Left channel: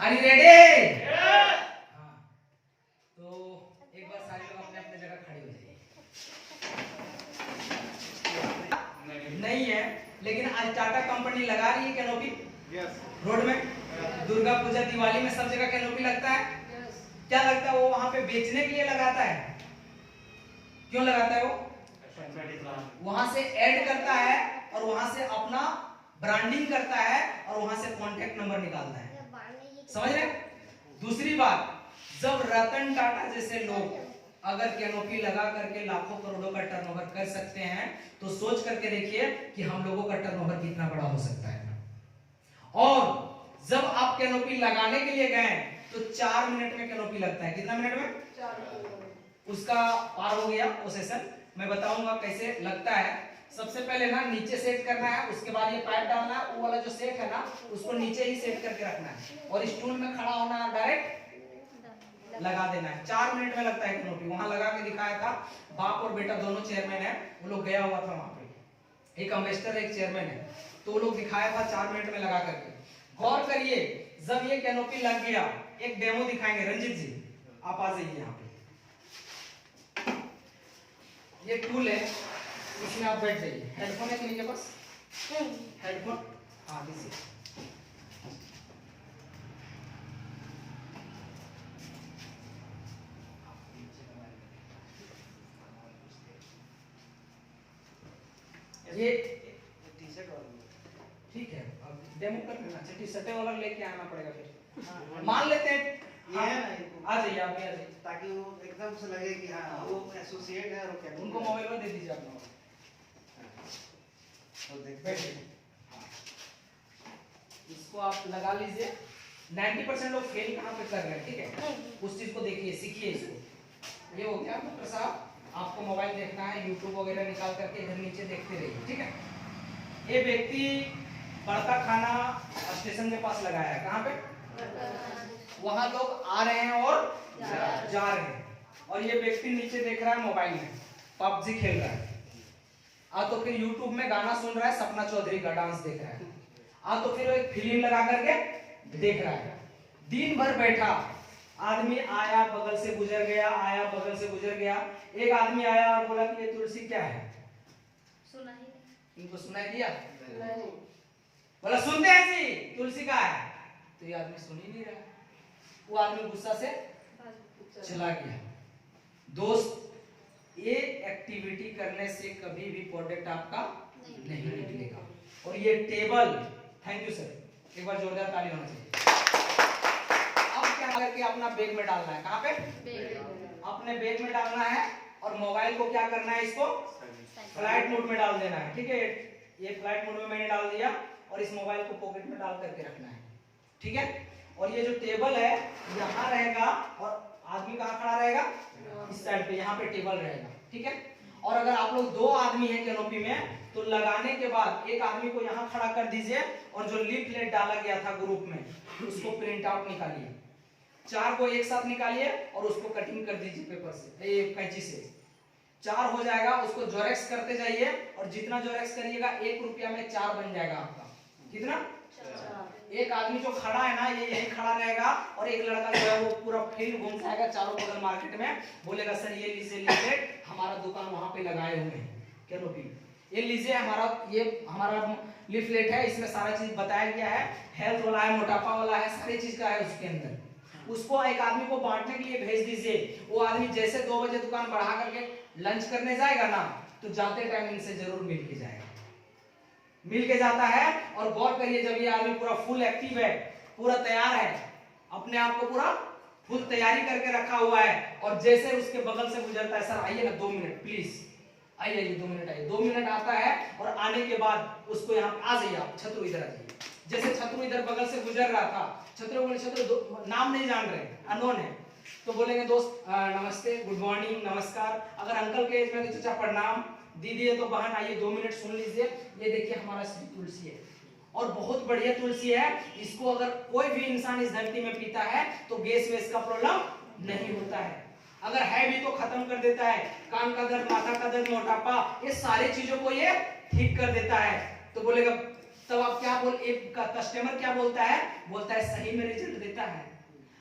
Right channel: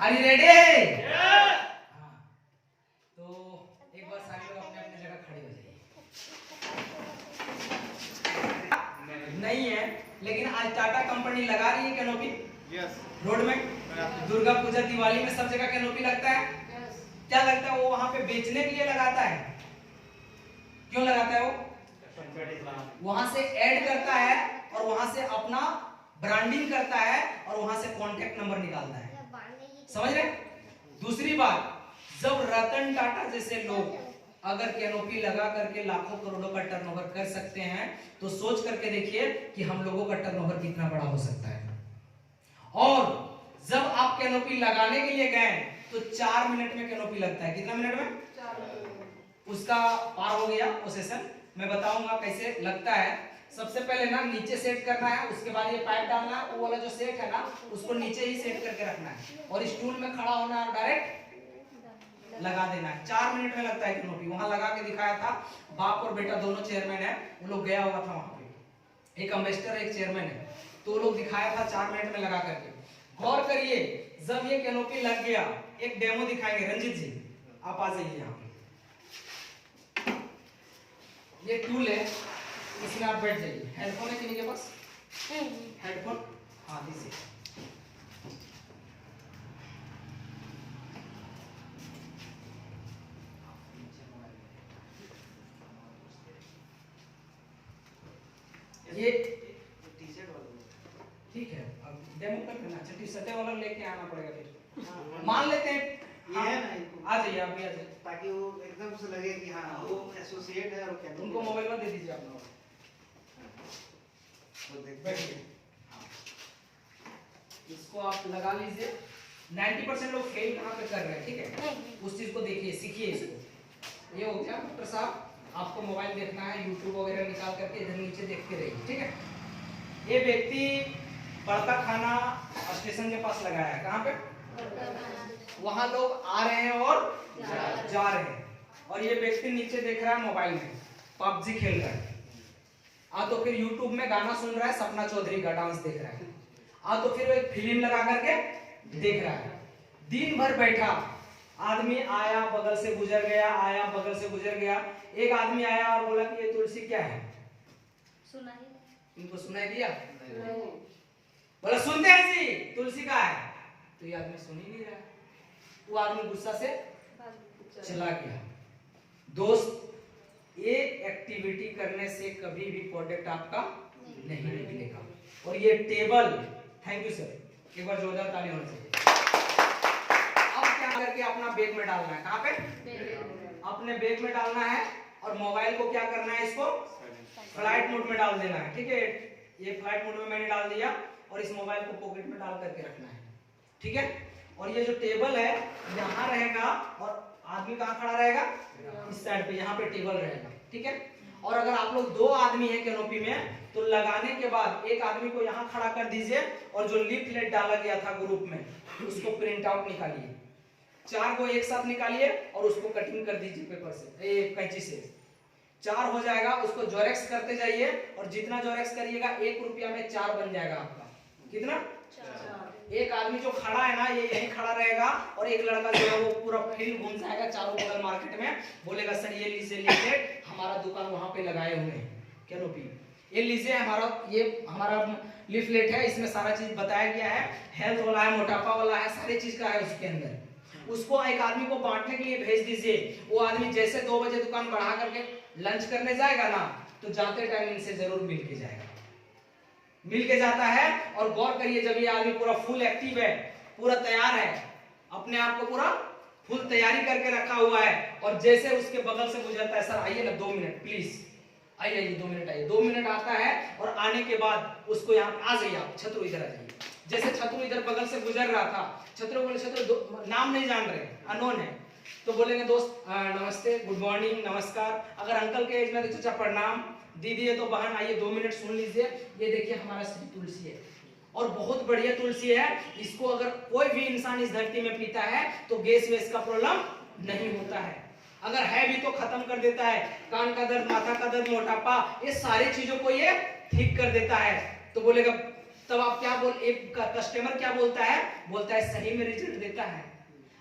Are you ready? हाँ, तो एक बार सारे लोग अपने अपने जगह खड़े हो जाइए। नहीं है, लेकिन आज टाटा कंपनी लगा रही है कैनोपी रोड में। दुर्गा पूजा दिवाली में सब जगह कैनोपी लगता है। क्या लगता है वो वहां पे बेचने के लिए लगाता है? क्यों लगाता है? वो वहां से ऐड करता है और वहां से अपना ब्रांडिंग करता है और वहां से कॉन्टेक्ट नंबर निकालता है। समझ रहे? दूसरी बात, जब रतन टाटा जैसे लोग अगर कैनोपी लगा करके लाखों करोड़ों का टर्नओवर कर सकते हैं, तो सोच करके देखिए कि हम लोगों का टर्नओवर कितना बड़ा हो सकता है। और जब आप कैनोपी लगाने के लिए गए तो 4 मिनट में कैनोपी लगता है। कितना मिनट में? 4। उसका पार हो गया वो सेशन। मैं बताऊंगा कैसे लगता है। सबसे पहले ना नीचे सेट करना है, उसके बाद ये पाइप डालना है, वो वाला जो सेट है ना उसको नीचे ही सेट करके रखना है और स्टूल में खड़ा होना है, डायरेक्ट लगा देना है। 4 मिनट में लगता है कैनोपी। वहां लगा के दिखाया था, बाप और बेटा दोनों चेयरमैन है, वो लोग गया हुआ था वहां पे, एक अम्बेसडर एक चेयरमैन है, तो वो लोग दिखाया था 4 मिनट में लगा करके। गौर करिए, जब ये कैनोपी लग गया, एक डेमो दिखाएंगे। रंजीत जी आप आ जाइए यहाँ पे। ये टूल है, इसमें आप बैठ जाइए। हेडफोन है किन्हीं के पास? हेडफोन हाँ दीजिए। ये टी-शर्ट वाला ठीक है, अब डेमो कर लेना। अच्छा टी-शर्ट वाला लेके आना पड़ेगा फिर। मान लेते हैं ये है ना, आ जाइए आप भी आ जाइए, ताकि वो एकदम से लगे कि हाँ वो एसोसिएट है। और क्या उनको मोबाइल पर दे दीजिए अपना, तो देखिए इसको आप लगा लीजिए। 90% लोग फेल कहाँ पे कर रहे हैं, ठीक है? उस चीज को देखिए, सीखिए इसको। ये हो गया डॉक्टर साहब, आपको मोबाइल देखना है, यूट्यूब वगैरह निकाल करके इधर नीचे देखते रहिए, ठीक है? ये व्यक्ति पड़ता खाना स्टेशन के पास लगाया है। कहाँ पे? वहां लोग आ रहे हैं और जा रहे हैं, और ये व्यक्ति नीचे देख रहा है मोबाइल में, पबजी खेल रहा है। तो फिर यूट्यूब में गाना सुन रहा है, सपना चौधरी का डांस देख रहा है। तो फिर एक फिल्म लगा करके देख रहा है। दिन भर बैठा, आदमी आया बगल से गुजर गया, आया बगल से गुजर गया। एक आदमी आया और बोला कि ये तुलसी क्या है? सुनाई। इनको सुनाई दिया? बोला सुनते हैं जी, तुलसी का है। तो ये आदमी सुन ही नहीं रहा। वो आदमी गुस्सा से चला गया। दोस्त, ये एक्टिविटी करने से कभी भी प्रोडक्ट आपका नहीं निकलेगा। और ये टेबल, थैंक यू सर, एक बार जोरदार ताली होनी चाहिए। अब क्या करके अपना बैग में डालना है। कहाँ पे? अपने बैग में डालना है और मोबाइल को क्या करना है, इसको फ्लाइट मोड में डाल देना है, ठीक है? ये फ्लाइट मोड में मैंने डाल दिया और इस मोबाइल को पॉकेट में डाल करके रखना है, ठीक है? और ये जो टेबल है यहाँ रहेगा और आदमी कहाँ खड़ा रहेगा? इस साइड पे, यहाँ पे टेबल रहेगा, ठीक है? और अगर आप लोग 2 आदमी हैं कैनोपी में, तो लगाने के बाद एक आदमी को यहाँ खड़ा कर दीजिए और जो लीफलेट डाला गया था ग्रुप में उसको प्रिंट आउट निकालिए। 4 को एक साथ निकालिए और उसको कटिंग कर दीजिए पेपर से, कैंची से। 4 हो जाएगा, उसको जोरेक्स करते जाइए और जितना जोरेक्स करिएगा 1 रुपया में 4 बन जाएगा आपका। कितना? 4। एक आदमी जो खड़ा है ना, ये यहीं खड़ा रहेगा और एक लड़का जो है वो पूरा फील्ड घूम जाएगा चारों बगल मार्केट में, बोलेगा सर ये लीजिए लीफलेट, हमारा दुकान वहां पे लगाए हुए हैं कैनोपी, ये लीजिए हमारा लीफलेट है, इसमें सारा चीज बताया गया है, हेल्थ वाला है, मोटापा वाला है, सारी चीज का है उसके अंदर। उसको एक आदमी को बांटने के लिए भेज दीजिए। वो आदमी जैसे 2 बजे दुकान बढ़ा करके लंच करने जाएगा ना, तो जाते टाइम इनसे जरूर मिल के जाएगा, मिल के जाता है। और गौर करिए, जब ये आदमी पूरा फुल एक्टिव है, पूरा तैयार है, अपने आप को पूरा फुल तैयारी करके रखा हुआ है, और जैसे उसके बगल से गुजरता है, सर आइए ना 2 मिनट प्लीज, आइए 2 मिनट आइए, 2 मिनट आता है और आने के बाद उसको यहाँ आ जाइए आप, छत्रु इधर आ जाइए। जैसे छत्रु इधर बगल से गुजर रहा था, छत्रु बोले, छत्रु नाम नहीं जान रहे, अननोन है, तो बोलेंगे दोस्त नमस्ते, गुड मॉर्निंग, नमस्कार। अगर अंकल के एज में तो चाचा प्रणाम, दीदी है तो बहन आइए 2 मिनट सुन लीजिए। ये देखिए हमारा श्री तुलसी है और बहुत बढ़िया तुलसी है। इसको अगर कोई भी इंसान इस धरती में पीता है तो गैस वेस का प्रॉब्लम नहीं होता है, अगर है भी तो खत्म कर देता है। कान का दर्द, माथा का दर्द, मोटापा, ये सारी चीजों को ये ठीक कर देता है। तो बोलेगा तब आप क्या बोल, एक कस्टमर क्या बोलता है, बोलता है सही में रिजल्ट देता है।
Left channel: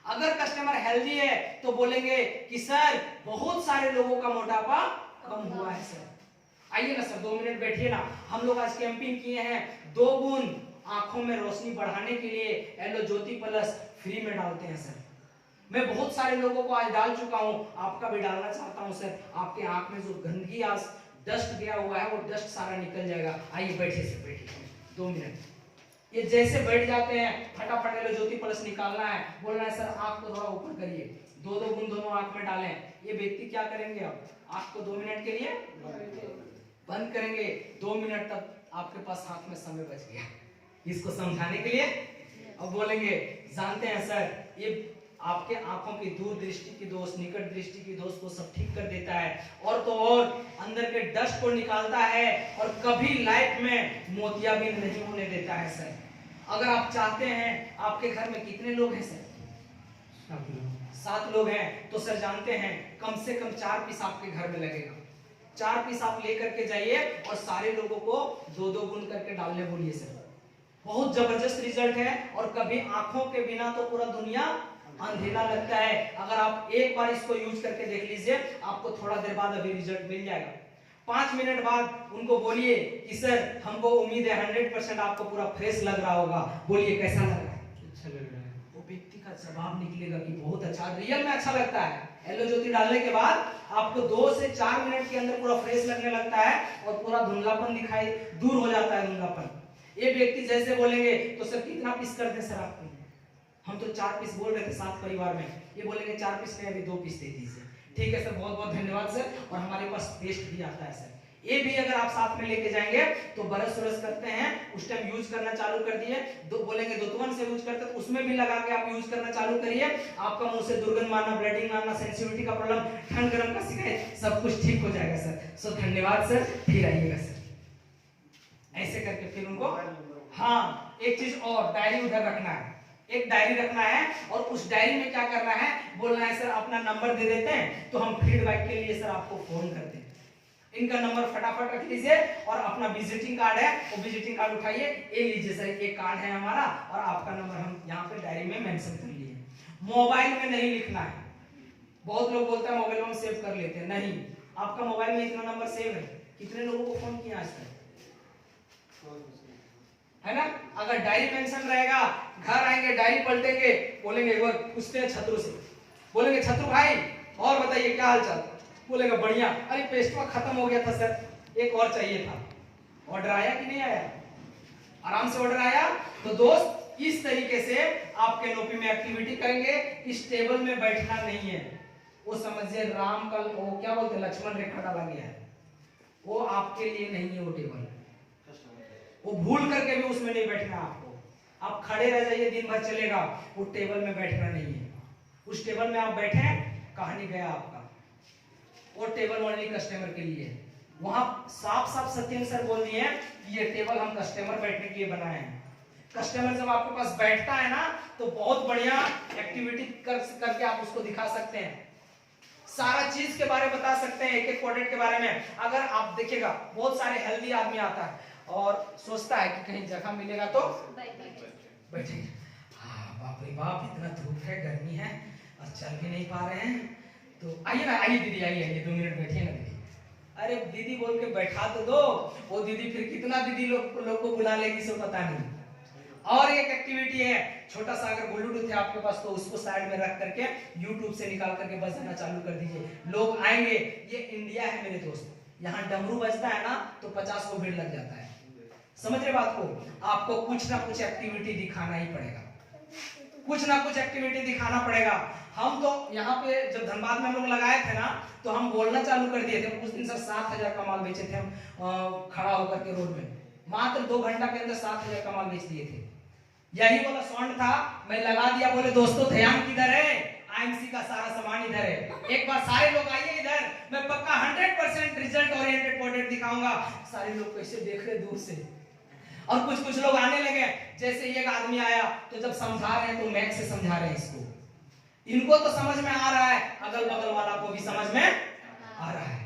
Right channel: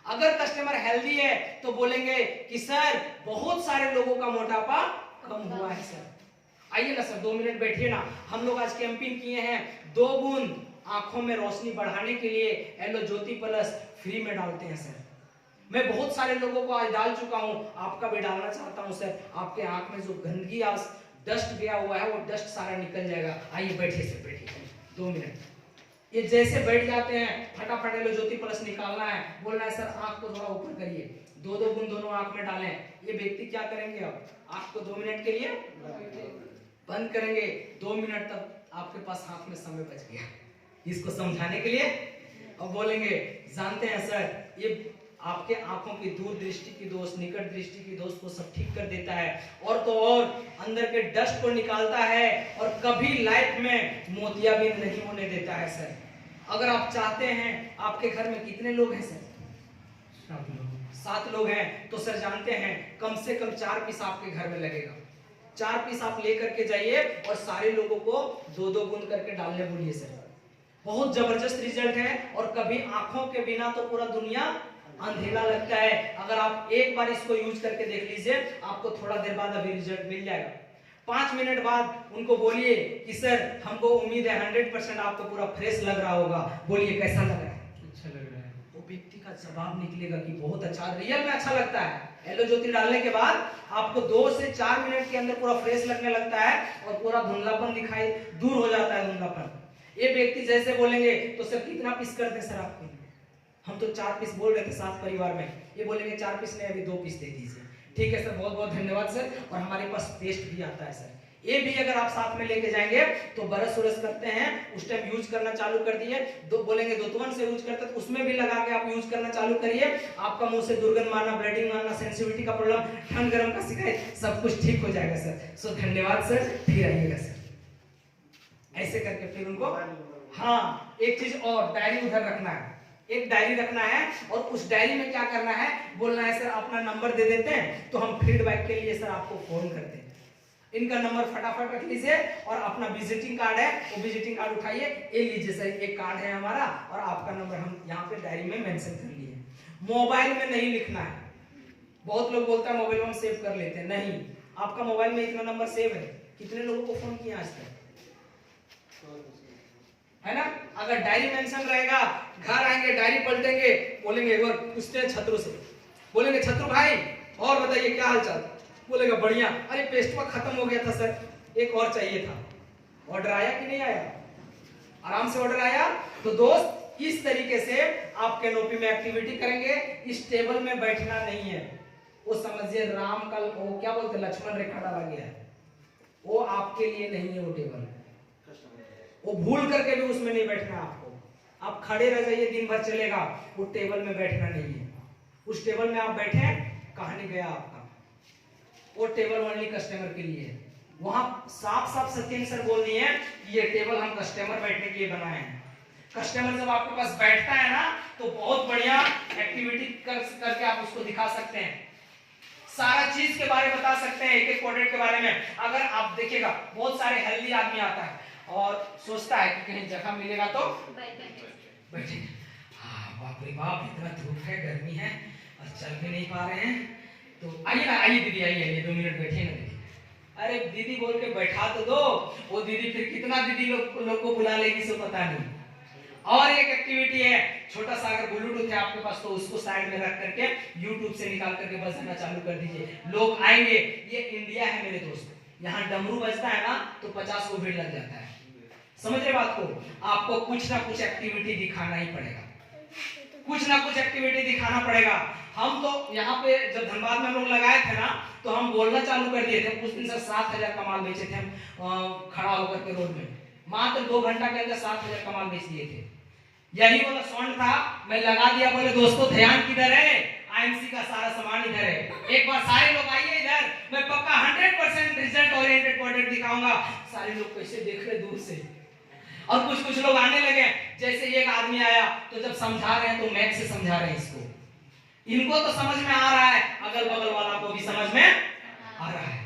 अगर कस्टमर हेल्दी है तो बोलेंगे कि सर बहुत सारे लोगों का मोटापा कम हुआ है सर। आइए ना सर 2 मिनट बैठिए ना। हम लोग आज कैंपिंग किए हैं 2 बूंद आंखों में रोशनी बढ़ाने के लिए एलो ज्योति प्लस फ्री में डालते हैं सर। मैं बहुत सारे लोगों को आज डाल चुका हूं, आपका भी डालना चाहता हूं सर। आपके आंख में जो गंदगी आज डस्ट गया हुआ है वो डस्ट सारा निकल जाएगा। आइए बैठिए सर, बैठिए 2 मिनट। ये जैसे बैठ जाते हैं फटाफट एलो ज्योति प्लस निकालना है, बोलना है सर आंख को थोड़ा ऊपर करिए, 2-2 बूंद दोनों आंख में डालें। ये व्यक्ति क्या करेंगे, अब आंख को 2 मिनट के लिए बंद करेंगे। 2 मिनट तक आपके पास हाथ में समय बच गया इसको समझाने के लिए। अब बोलेंगे जानते हैं सर ये आपके आंखों की दूर दृष्टि की दोष, निकट दृष्टि की दोष को सब ठीक कर देता है, और तो और अंदर के डस्ट को निकालता है, और कभी लाइफ में मोतियाबिंद नहीं होने देता है सर। अगर आप चाहते हैं, आपके घर में कितने लोग हैं सर? 7 लोग हैं, तो सर जानते हैं कम से कम 4 पीस आपके घर में लगेगा। 4 पीस आप लेकर के जाइए और सारे लोगों को 2-2 बूंद करके डालने बोलिए सर। बहुत जबरदस्त रिजल्ट है, और कभी आंखों के बिना तो पूरा दुनिया अंधेरा लगता है। अगर आप एक बार इसको यूज करके देख लीजिए, आपको थोड़ा देर बाद अभी रिजल्ट मिल जाएगा। 5 मिनट बाद उनको बोलिए कि सर हमको उम्मीद है 100% आपको पूरा फ्रेश लग रहा होगा, बोलिए कैसा लग रहा है? अच्छा लग रहा है। वो व्यक्ति का जवाब निकलेगा कि बहुत अच्छा, रियल में अच्छा लगता है। एलो ज्योति डालने के बाद आपको 2 से 4 मिनट के अंदर पूरा फ्रेश लगने लगता है, और पूरा धुंधलापन दिखाई दूर हो जाता है, धुंधलापन। ये व्यक्ति जैसे बोलेंगे तो सर कितना पीस कर दें सर आपको? हम तो 4 पीस बोल रहे थे 7 परिवार में, ये बोलेंगे 4 पीस नहीं अभी 2 पीस दे दीजिए। ठीक है सर, बहुत बहुत धन्यवाद सर। और हमारे पास पेस्ट भी आता है सर, ये भी अगर आप साथ में लेके जाएंगे तो बरस उरस करते हैं उस टाइम यूज करना चालू कर दिए, बोलेंगे दोतवन से यूज करते तो उसमें भी लगा के आप यूज करना चालू करिए। आपका मुंह से दुर्गंध मारना, ब्लडिंग मारना, सेंसिटिविटी का प्रॉब्लम, ठंड गर्म का शिकायत, सब कुछ ठीक हो जाएगा सर। सो धन्यवाद सर, फिर आइएगा सर। ऐसे करके फिर उनको, हाँ एक चीज और, डायरी उधर रखना है, एक डायरी रखना है, और उस डायरी में क्या करना है, बोलना है सर अपना नंबर दे देते हैं तो हम फीडबैक के लिए सर आपको फोन करते हैं। इनका नंबर फटाफट रख लीजिए, और अपना विजिटिंग कार्ड है वो विजिटिंग कार्ड उठाइए, ये लीजिए सर, एक कार्ड है हमारा, और आपका नंबर हम यहाँ पे डायरी में मेंशन कर लिए। मोबाइल में नहीं लिखना है। बहुत लोग बोलते हैं मोबाइल में सेव कर लेते हैं, नहीं, आपका मोबाइल में इतना नंबर सेव है। कितने लोगों को फोन किया आज तक, है ना? अगर डायरी मेंशन रहेगा, घर आएंगे डायरी पलटेंगे, बोलेंगे एक बार पूछते हैं छत्रु से, बोलेंगे छत्रु भाई और बताइए क्या हाल चाल? बोलेगा बढ़िया। अरे पेस्टवा खत्म हो गया था सर, एक और चाहिए था। ऑर्डर आया कि नहीं आया? आराम से ऑर्डर आया। तो दोस्त इस तरीके से आप कैनोपी में एक्टिविटी करेंगे। इस टेबल में बैठना नहीं है, वो समझिए राम का वो क्या बोलते हैं, लक्ष्मण रेखा डाला गया है, वो आपके लिए नहीं है वो टेबल। वो भूल करके भी उसमें नहीं बैठना आपको। आप खड़े रह जाइए, दिन भर चलेगा, वो टेबल में बैठना नहीं है। उस टेबल में आप बैठे, कहानी गया आपका। वो टेबल ओनली कस्टमर के लिए है। वहां साफ साफ सत्यम सर बोल दिए हैं कि ये टेबल हम कस्टमर बैठने के लिए बनाए हैं। कस्टमर जब आपके पास बैठता है ना तो बहुत बढ़िया एक्टिविटी करके आप उसको दिखा सकते हैं, सारा चीज के बारे में बता सकते हैं, एक एक प्रोडक्ट के बारे में। अगर आप देखिएगा बहुत सारे हेल्दी आदमी आता है और सोचता है कि कहीं जगह मिलेगा तो बैठेंगे। हाँ बाप रे बाप, इतना धूप है, गर्मी है और चल भी नहीं पा रहे हैं, तो आइए ना, आइए दीदी आइए 2 मिनट बैठिए ना दीदी। अरे दीदी बोल के बैठा तो दो, वो दीदी फिर कितना दीदी लोग को बुला लेगी सो पता नहीं। और एक एक्टिविटी है, छोटा सा अगर ब्लूटूथ है आपके पास तो उसको साइड में रख करके यूट्यूब से निकाल करके बजाना चालू कर दीजिए। लोग आएंगे, ये इंडिया है मेरे दोस्त, यहाँ डमरू बजता है ना तो 50 को भीड़ लग जाता है। समझ रहे बात को? आपको कुछ ना कुछ एक्टिविटी दिखाना ही पड़ेगा, कुछ ना कुछ एक्टिविटी दिखाना पड़ेगा। हम तो यहाँ पे जब धनबाद में हम लोग लगाए थे ना तो हम बोलना चालू कर दिए थे। कुछ दिन से 7,000 कमाल बेचे थे हम खड़ा होकर के रोड में, मात्र 2 घंटा के अंदर 7,000 कमाल बेच दिए थे। यही वाला साउंड था, मैं लगा दिया, बोले दोस्तों ध्यान किधर है, आईएमसी का सारा सामान इधर है, एक बार सारे लोग आइए इधर, मैं पक्का 100% रिजल्ट ओरिएंटेड प्रोडक्ट दिखाऊंगा। सारे लोग कैसे देख रहे दूर से, और कुछ लोग आने लगे। जैसे एक आदमी आया तो जब समझा रहे हैं तो मैथ से समझा रहे हैं इसको, इनको तो समझ में आ रहा है, अगल बगल वाला को भी समझ में आ रहा है।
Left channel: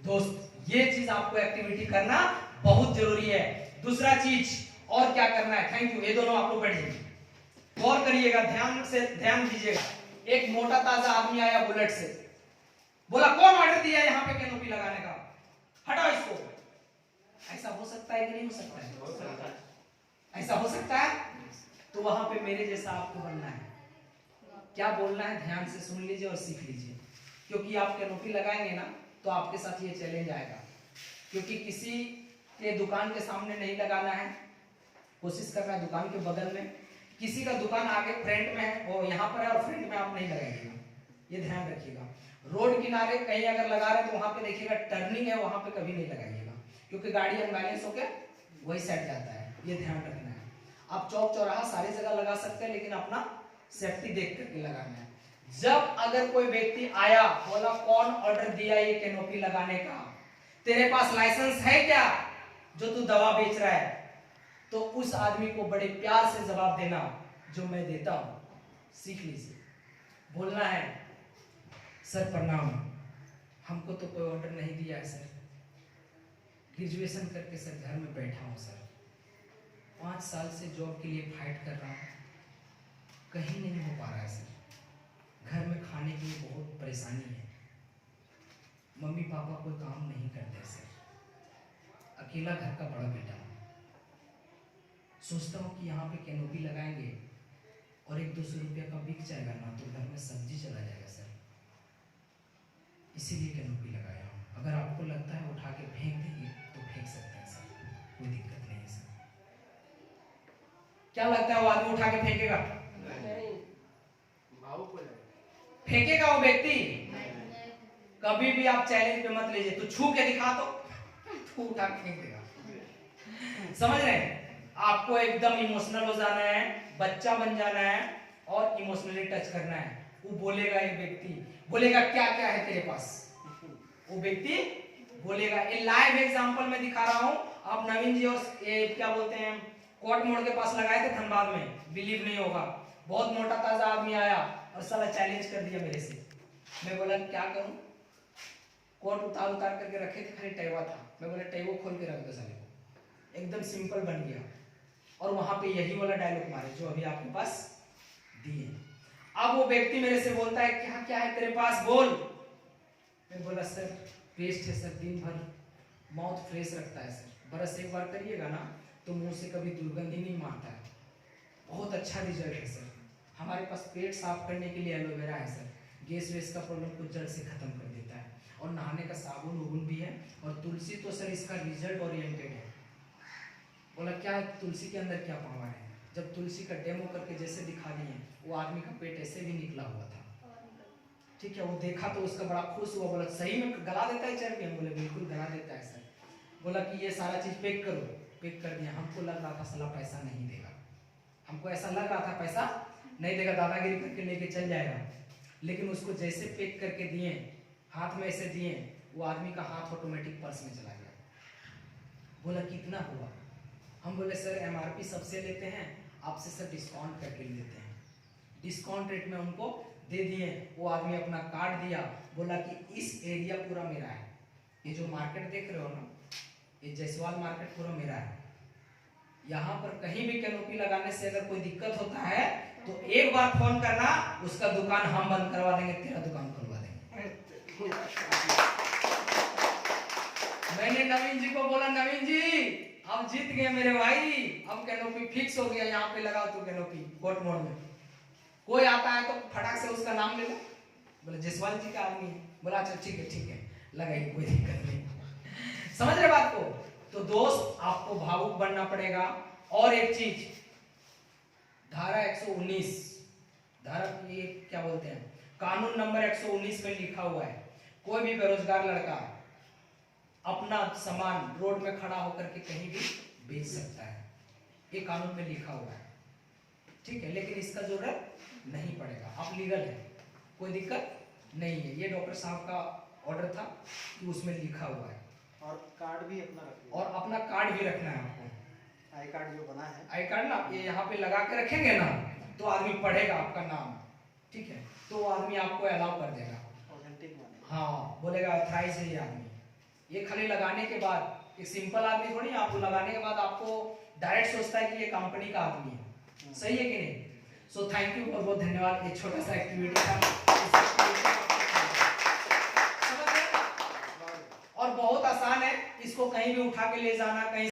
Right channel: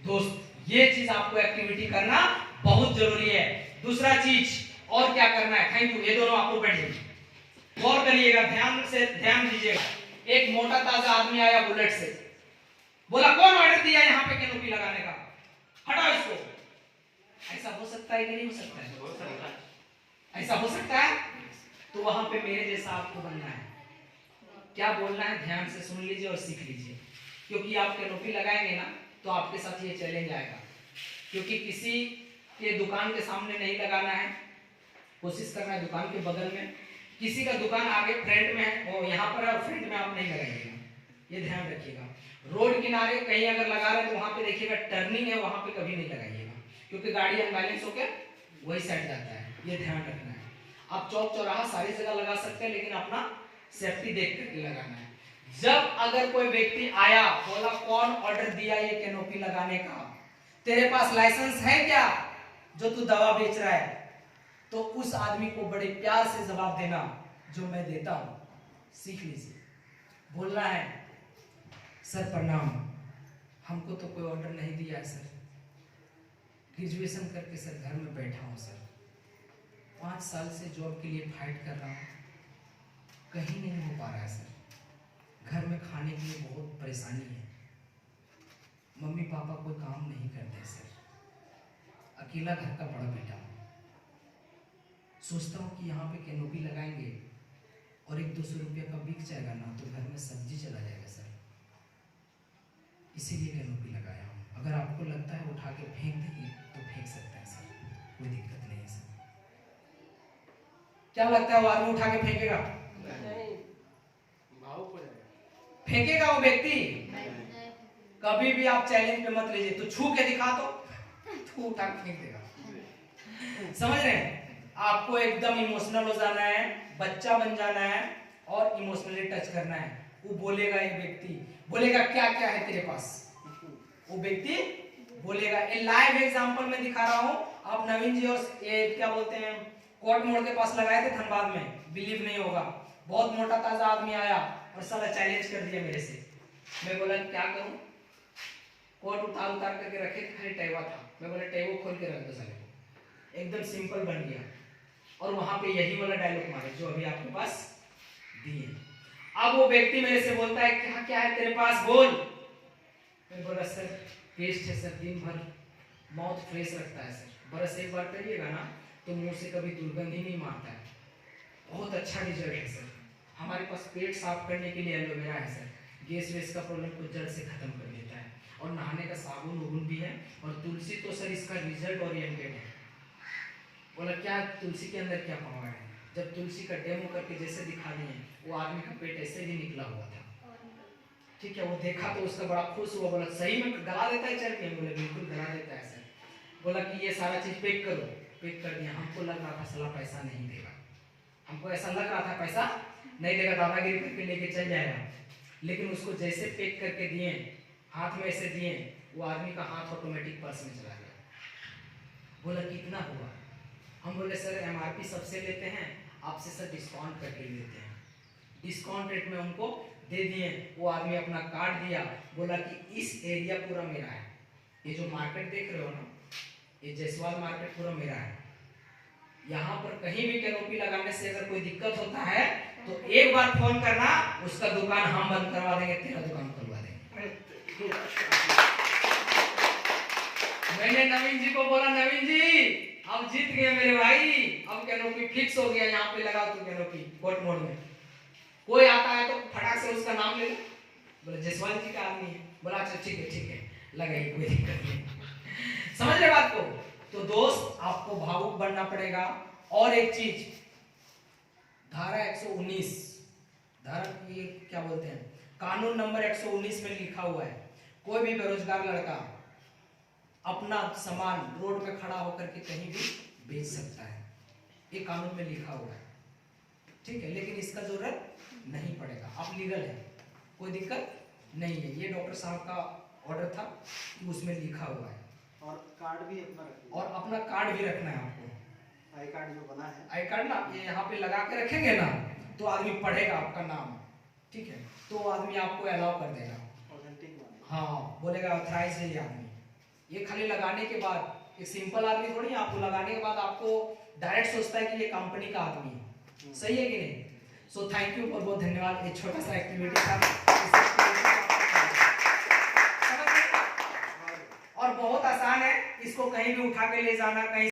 दोस्त ये चीज आपको एक्टिविटी करना बहुत जरूरी है। दूसरा चीज और क्या करना है, थैंक यू, ये दोनों आपको पढ़िए, गौर करिएगा, ध्यान से ध्यान दीजिएगा। एक मोटा ताजा आदमी आया बुलेट से, बोला कौन ऑर्डर दिया यहाँ पे कैनोपी लगाने का, हटाओ इसको। ऐसा हो सकता है कि नहीं हो सकता है? हो सकता है। ऐसा हो सकता है? तो वहां पे मेरे जैसा आपको बनना है। क्या बोलना है ध्यान से सुन लीजिए और सीख लीजिए, क्योंकि आप कैनोपी लगाएंगे ना तो आपके साथ ये चैलेंज आएगा, क्योंकि किसी के दुकान के सामने नहीं लगाना है, कोशिश करना है दुकान के बगल में, किसी का दुकान आगे फ्रंट में है वो यहाँ पर है और फ्रंट में आप नहीं लगाइएगा, ये ध्यान रखिएगा। रोड किनारे कहीं अगर लगा रहे तो वहां पे देखिएगा टर्निंग है, वहां पे कभी नहीं लगाइएगा, क्योंकि गाड़ी अनबैलेंस होकर वही साइड जाता है, ये ध्यान रखना है। आप चौक चौराहा सारी जगह लगा सकते हैं, लेकिन अपना सेफ्टी देख करके लगाना है। जब अगर कोई व्यक्ति आया, बोला कौन ऑर्डर दिया ये कैनोपी लगाने का, तेरे पास लाइसेंस है क्या जो तू दवा बेच रहा है, तो उस आदमी को बड़े प्यार से जवाब देना जो मैं देता हूं, सीख लीजिए। बोलना है सर प्रणाम, हमको तो कोई ऑर्डर नहीं दिया है सर, ग्रेजुएशन करके सर घर में बैठा हूं सर, 5 साल से जॉब के लिए फाइट कर रहा हूं, कहीं नहीं हो पा रहा है सर, घर में खाने के लिए बहुत परेशानी है, मम्मी पापा कोई काम नहीं करते सर, अकेला घर का बड़ा बेटा हूं, सोचता हूं कि यहाँ पे कैनोपी लगाएंगे और 100-200 रुपया का बिक जाएगा ना तो घर में सब्जी चला जाएगा सर, इसीलिए कैनोपी लगाया हूँ। अगर आपको लगता है उठा के फेंक देंगे तो फेंक सकते हैं सर, कोई दिक्कत नहीं है सर। क्या लगता है वो आदमी उठा के फेंकेगा? फेंकेगा वो व्यक्ति? कभी भी आप चैलेंज पे मत लीजिए, तो छू के दिखा तो उठा के फेंक देगा। समझ रहे हैं? आपको एकदम इमोशनल हो जाना है, बच्चा बन जाना है और इमोशनली टच करना है। वो बोलेगा, एक व्यक्ति बोलेगा क्या क्या है तेरे पास, वो व्यक्ति बोलेगा। ये लाइव एग्जांपल में दिखा रहा हूं। आप नवीन जी और ये क्या बोलते हैं कोर्ट मोड़ के पास लगाए थे धनबाद में, बिलीव नहीं होगा, बहुत मोटा ताजा आदमी आया और साला चैलेंज कर दिया मेरे से। मैं बोला क्या करूं, कोट उतार करके रखे थे, खाली टैवा था, मैं बोला टैवो खोल के रख दो साले को, एकदम सिंपल बन गया। और वहां पे यही वाला डायलॉग मारे जो अभी आपके पास दिए। अब वो व्यक्ति मेरे से बोलता है क्या क्या है तेरे पास बोल। मैं बोला सर पेस्ट है सर, दिन भर माउथ फ्रेश रखता है सर, बरस एक बार करिएगा ना तो मुंह से कभी दुर्गंध ही नहीं मारता है, बहुत अच्छा रिजल्ट है सर। हमारे पास पेट साफ करने के लिए एलोवेरा है सर, गैस वेस का प्रॉब्लम को जड़ से खत्म कर देता है, और नहाने का साबुन उबुन भी है, और तुलसी तो सर इसका रिजल्ट ओरिएंटेड है। बोला क्या तुलसी के अंदर क्या पावर है? जब तुलसी का डेमो करके जैसे दिखा दिए, वो आदमी का पेट ऐसे ही निकला हुआ था, ठीक है। वो देखा तो उसका बड़ा खुश हुआ, बोला सही में गला देता है चल के? बोले बिल्कुल गला देता है सर। बोला कि ये सारा चीज पैक करो, पैक कर दिया। हमको लग रहा था साला पैसा नहीं देगा, हमको ऐसा लग रहा था पैसा नहीं देगा, दादागिरी करके लेके चल जाएगा, लेकिन उसको जैसे पैक करके दिए, हाथ में ऐसे दिए, वो आदमी का हाथ ऑटोमेटिक पर्स में चला गया। बोला कितना हुआ? हम बोले सर एमआरपी सबसे लेते हैं, आपसे सर डिस्काउंट करके लेते हैं। डिस्काउंट रेट में उनको दे दिए। वो आदमी अपना कार्ड दिया, बोला कि इस एरिया पूरा मेरा है, ये जो मार्केट देख रहे हो ना, ये जयसवाल मार्केट पूरा मेरा है, यहाँ पर कहीं भी कैनोपी लगाने से अगर कोई दिक्कत होता है तो एक बार फोन करना, उसका दुकान हम बंद करवा देंगे, तेरा दुकान खुलवा देंगे। मैंने नवीन जी को बोला नवीन जी अब जीत गए मेरे भाई, अब कैनोपी फिक्स हो गया, यहाँ पे लगाओ तू कैनोपी कोर्ट मोड़ में। कोई आता है तो फटाक से उसका नाम ले लो, बोले जयसवाल जी का आदमी है, बोला अच्छा ठीक है लगाइए, कोई दिक्कत नहीं। समझ रहे बात को? तो दोस्त आपको भावुक बनना पड़ेगा। और एक चीज, धारा 119, धारा ये क्या बोलते हैं, कानून नंबर 119 में लिखा हुआ है, कोई भी बेरोजगार लड़का अपना सामान रोड में खड़ा होकर के कहीं भी बेच सकता है, ये कानून में लिखा हुआ है, ठीक है। लेकिन इसका जरूरत नहीं पड़ेगा, आप लीगल है, कोई दिक्कत नहीं है। ये डॉक्टर साहब का ऑर्डर था कि उसमें लिखा हुआ है। और कार्ड भी अपना रखिए, और अपना कार्ड भी रखना है आपको, आई कार्ड जो बना है, आई कार्ड ना ये यहाँ पे लगा के रखेंगे ना तो आदमी पढ़ेगा आपका नाम, ठीक है, तो वो आदमी आपको अलाउ कर देगा, ऑथेंटिक बनेगा। हाँ बोलेगा ऑथराइज है ये आदमी। ये खाली लगाने के बाद, एक सिंपल आदमी थोड़ी, आपको लगाने के बाद आपको डायरेक्ट सोचता है कि ये कंपनी का आदमी है। सही है कि नहीं? सो थैंक यू, बहुत बहुत धन्यवाद। ये छोटा सा एक्टिविटी था और बहुत आसान है, इसको कहीं भी उठा के ले जाना, कहीं